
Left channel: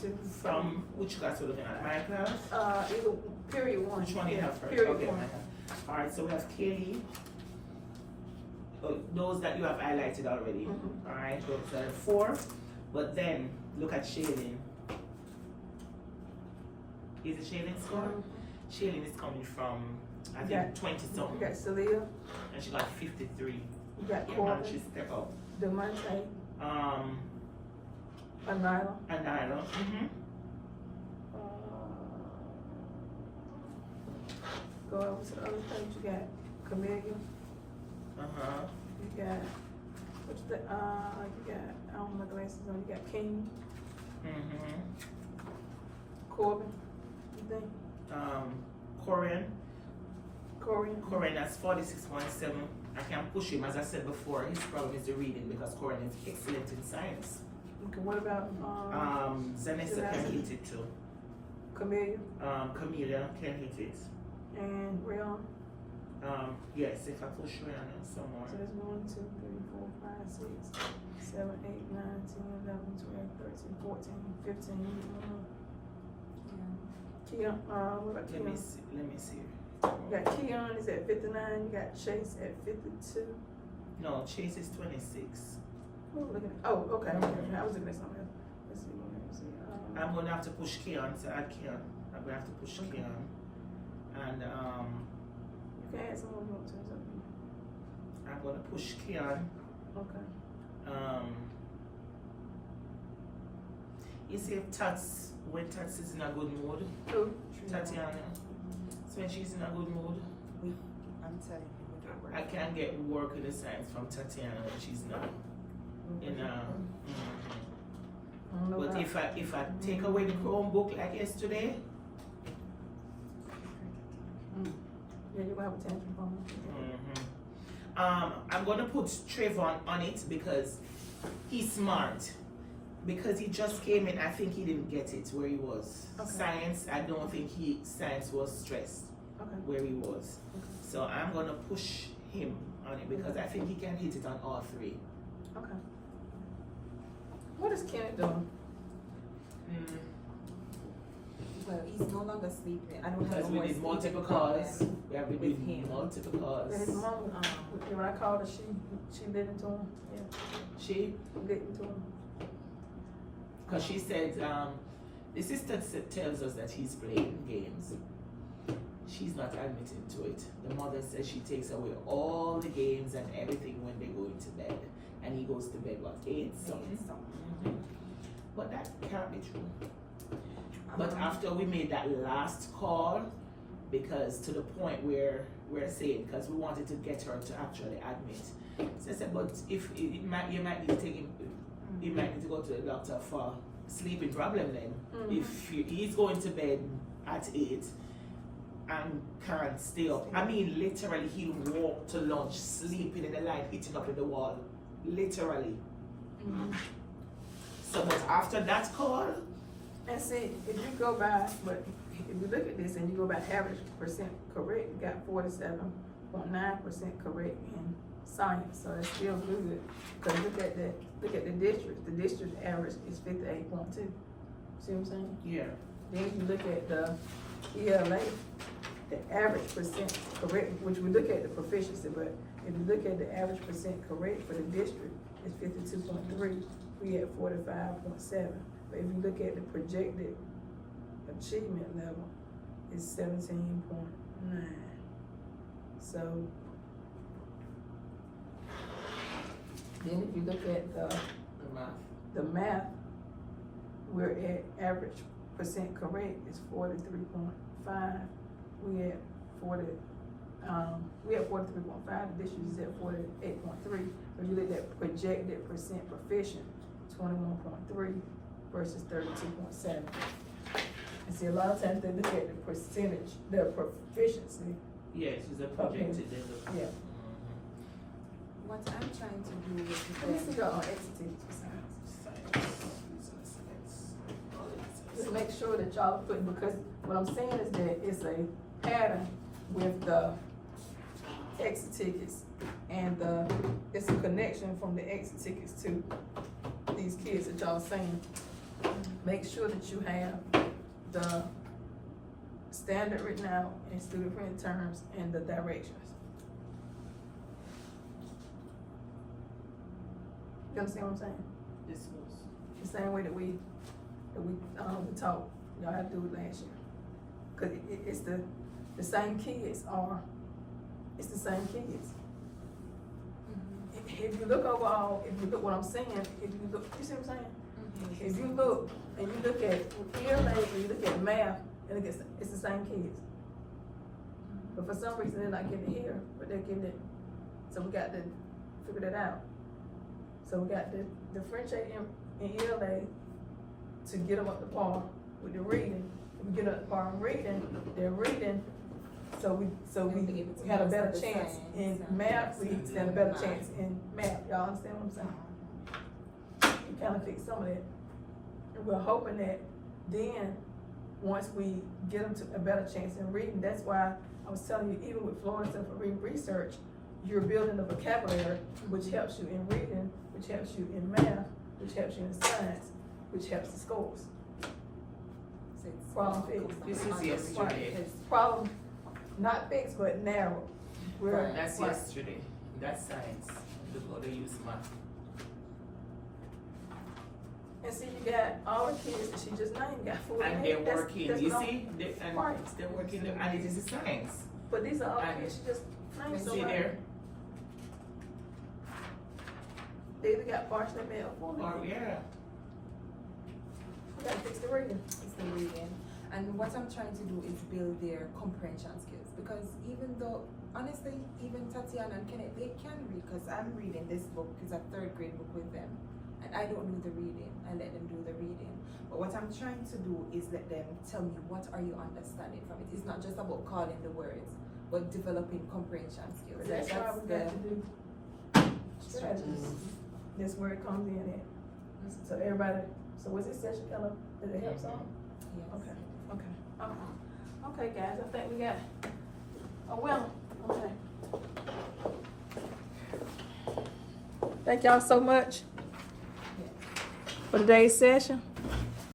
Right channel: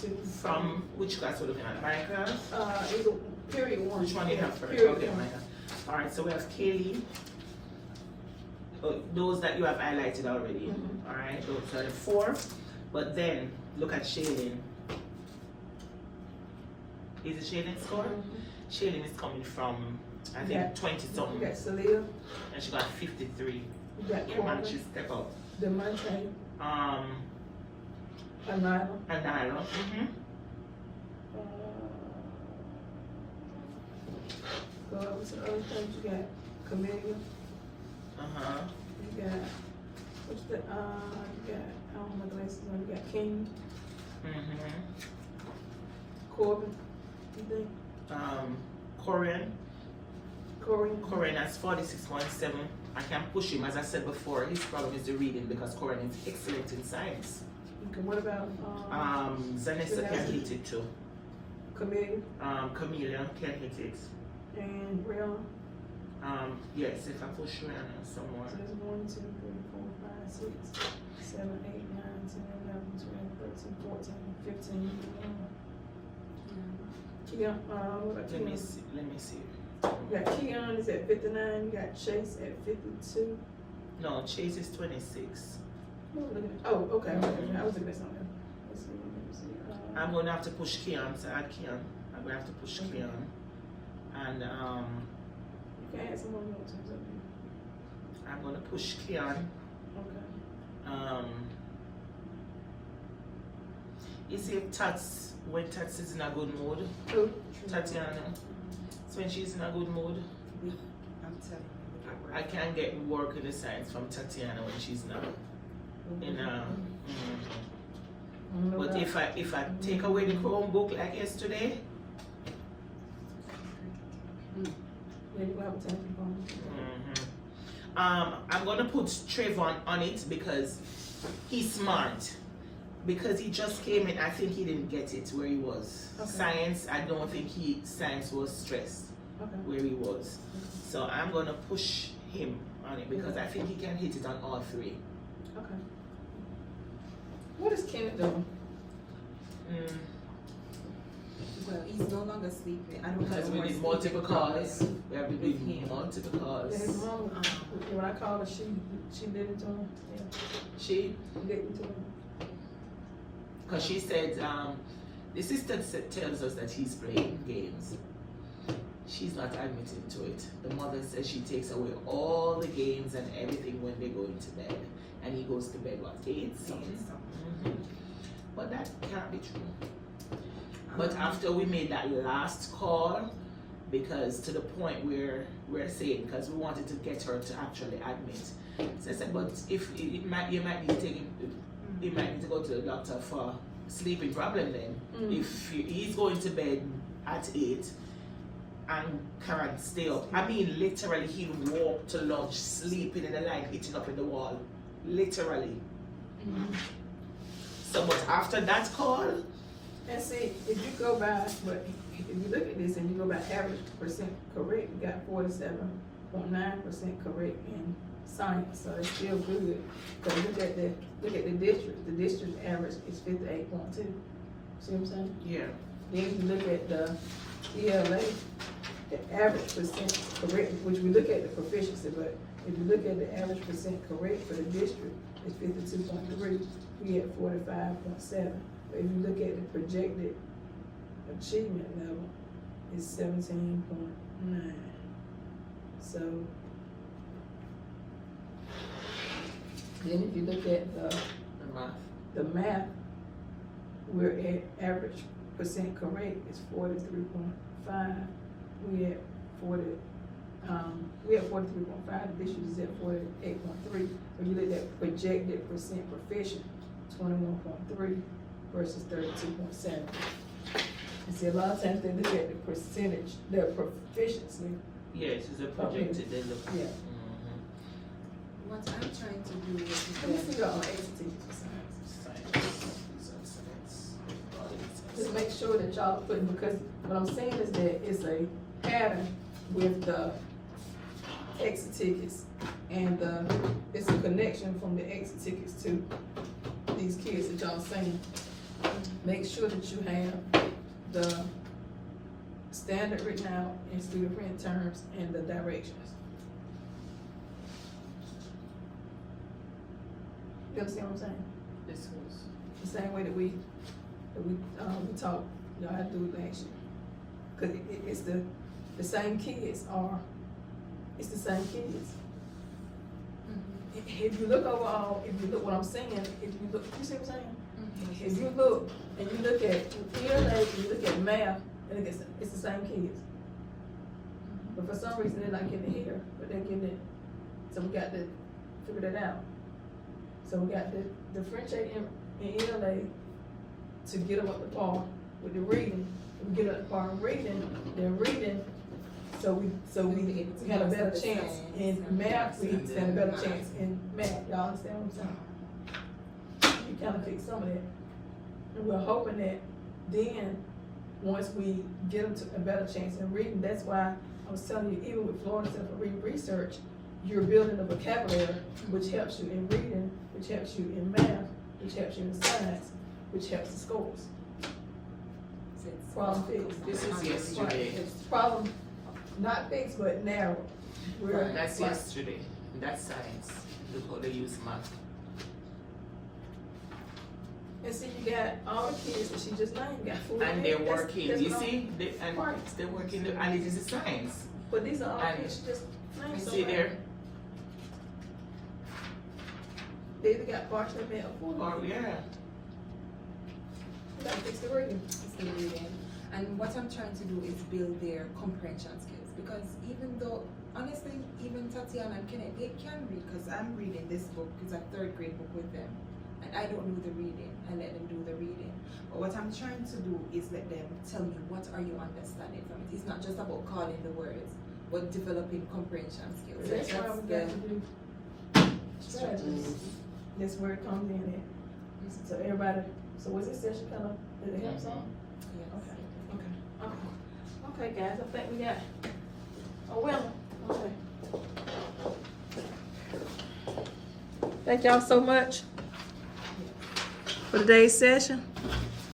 2. from which class we're looking at? My class? Either period 1. Which one you have first? Period Okay, 1. mine. Alright, so we have Kaylee. Oh, those that you have highlighted already. Mhm. Alright, those are the 4. But then look at Shailene. Is it Shailene's score? Shailene is coming from, I think, Yeah. 20 You something. got Celia, And she got 53. you got Yeah, man, Corbin, she step up. Demonte, Anila. Anila. Go over to the other page, you got Camellia, Uh-huh. you got, what's the, you got, I don't have my glasses on, you got King, Corbin, you think, Korean. Corey, That's 46.7. I can push him, as I said before. His problem is the reading because Korean is excellent in science. okay, what about, Zanessa can hit it too. Camellia Camilla can hit it. and Rihanna? Yes, if I push Rihanna some more. So there's 1, 2, 3, 4, 5, 6, 7, 8, 9, 10, 11, 12, 13, 14, 15. Keon, what about Let me Keon? see. You got Keon is at 59, you got Chase at 52. No, Chase is 26. Who am I looking at? Oh, okay, I was looking at something else. Let's see. I'm gonna have to push Keon to add Keon. I'm gonna have to push Okay. Keon. And You can add some more notes or something. I'm gonna push Keon. Okay. You see Tats, when Tats is in a good mood, Who? Tatiana, so when she's in a good mood, I'm telling you, we get work. I can get work in the science from Tatiana when she's not in I don't know But about- if I take away the Chromebook like yesterday, Yeah, you have a 10 people. I'm gonna put Trayvon on it because he's smart. Because he just came in, I think he didn't get it where he was. Okay. Science, I don't think science was stressed Okay. where he was. So I'm gonna push him on it because I think he can hit it on all 3. Okay. What is Kenneth doing? Well, he's no longer sleeping. I don't Because have we more did multiple sleeping calls. problem. We have to with do him. multiple calls. That his mom, when I called her, she did it to him. Yeah, She, did it to him. because she said the sister tells us that he's playing games. She's not admitting to it. The mother says she takes away all the games and everything when they go into bed. And he goes to bed, what, 8 something? But that can't be true. But after we made that last call, because to the point where we're saying, because we wanted to get her to actually admit. So I said, but if you might need to take him, you might need to go to the doctor for sleeping problem then. If he's going to bed at 8 and can't stay up. I mean, literally, he'll walk to lunch, sleeping in the light, hitting up in the wall. Literally. So, but after that call, And see, if you go by, but if you look at this and you go by average percent correct, you got 47.9% correct in science, so it's still good. Cause look at the district average is 58.2. See what I'm saying? yeah. Then you look at the ELA, the average percent correct, which we look at the proficiency, but if you look at the average percent correct for the district, it's 52.3. We at 45.7. But if you look at the projected achievement level, it's 17.9. So then if you look at the math, we're at average percent correct is 43.5. We at 43.5. This year is at 48.3. When you look at projected percent proficient, 21.3 versus 32.7. And see, a lot of times they look at the percentage, the proficiency. Yeah, it is a projected. Then the Yeah. What I'm trying to do Let me is see your executive science. Just make sure that y'all put, because what I'm saying is that it's a pattern with the exit tickets and it's a connection from the exit tickets to these kids that y'all saying. Make sure that you have the standard written out in student print terms and the directions. You understand what I'm saying? This was. The same way that we talk, y'all have to do it last year. Cause it's the same kids it's the same kids. If you look overall, if you look what I'm saying, if you look, you see what I'm saying? If you look, and you look at ELA, and you look at math, and it's the same kids. But for some reason, they're not getting it here, but they're getting it, so we got to figure that out. So we got to differentiate in ELA to get them up to par with the reading. If we get up to par with reading, they're reading, so we had a better chance in math, we had a better chance in math. Y'all understand what I'm saying? We kind of fix some of that. And we're hoping that then, once we get them to a better chance in reading, that's why I was telling you, even with Florida Center for Reading Research, you're building a vocabulary, which helps you in reading, which helps you in math, which helps you in science, which helps the scores. Problem fixed. This is yesterday. Problem not fixed, but narrow. We're That's yesterday. That's science. Look how they use math. And see, you got all the kids that she just named got food. And they're working. That's You not- see, they're working, and it is a science. But these are all And kids she just named. See there? They either got partially met or full. Or yeah. We gotta fix the reading. it's the reading. And what I'm trying to do is build their comprehension skills, because even though, honestly, even Tatiana and Kenneth, they can read, because I'm reading this book, it's a 3rd grade book with them, and I don't do the reading, I let them do the reading. But what I'm trying to do is let them tell me, what are you understanding from it? It's not just about calling the words, but developing comprehension skills. That's why we got to do strategies. That's where it comes in at. So everybody, so was this session kind of, did it help some? Yes. Okay, guys, I think we got, okay. Thank y'all so much for today's session.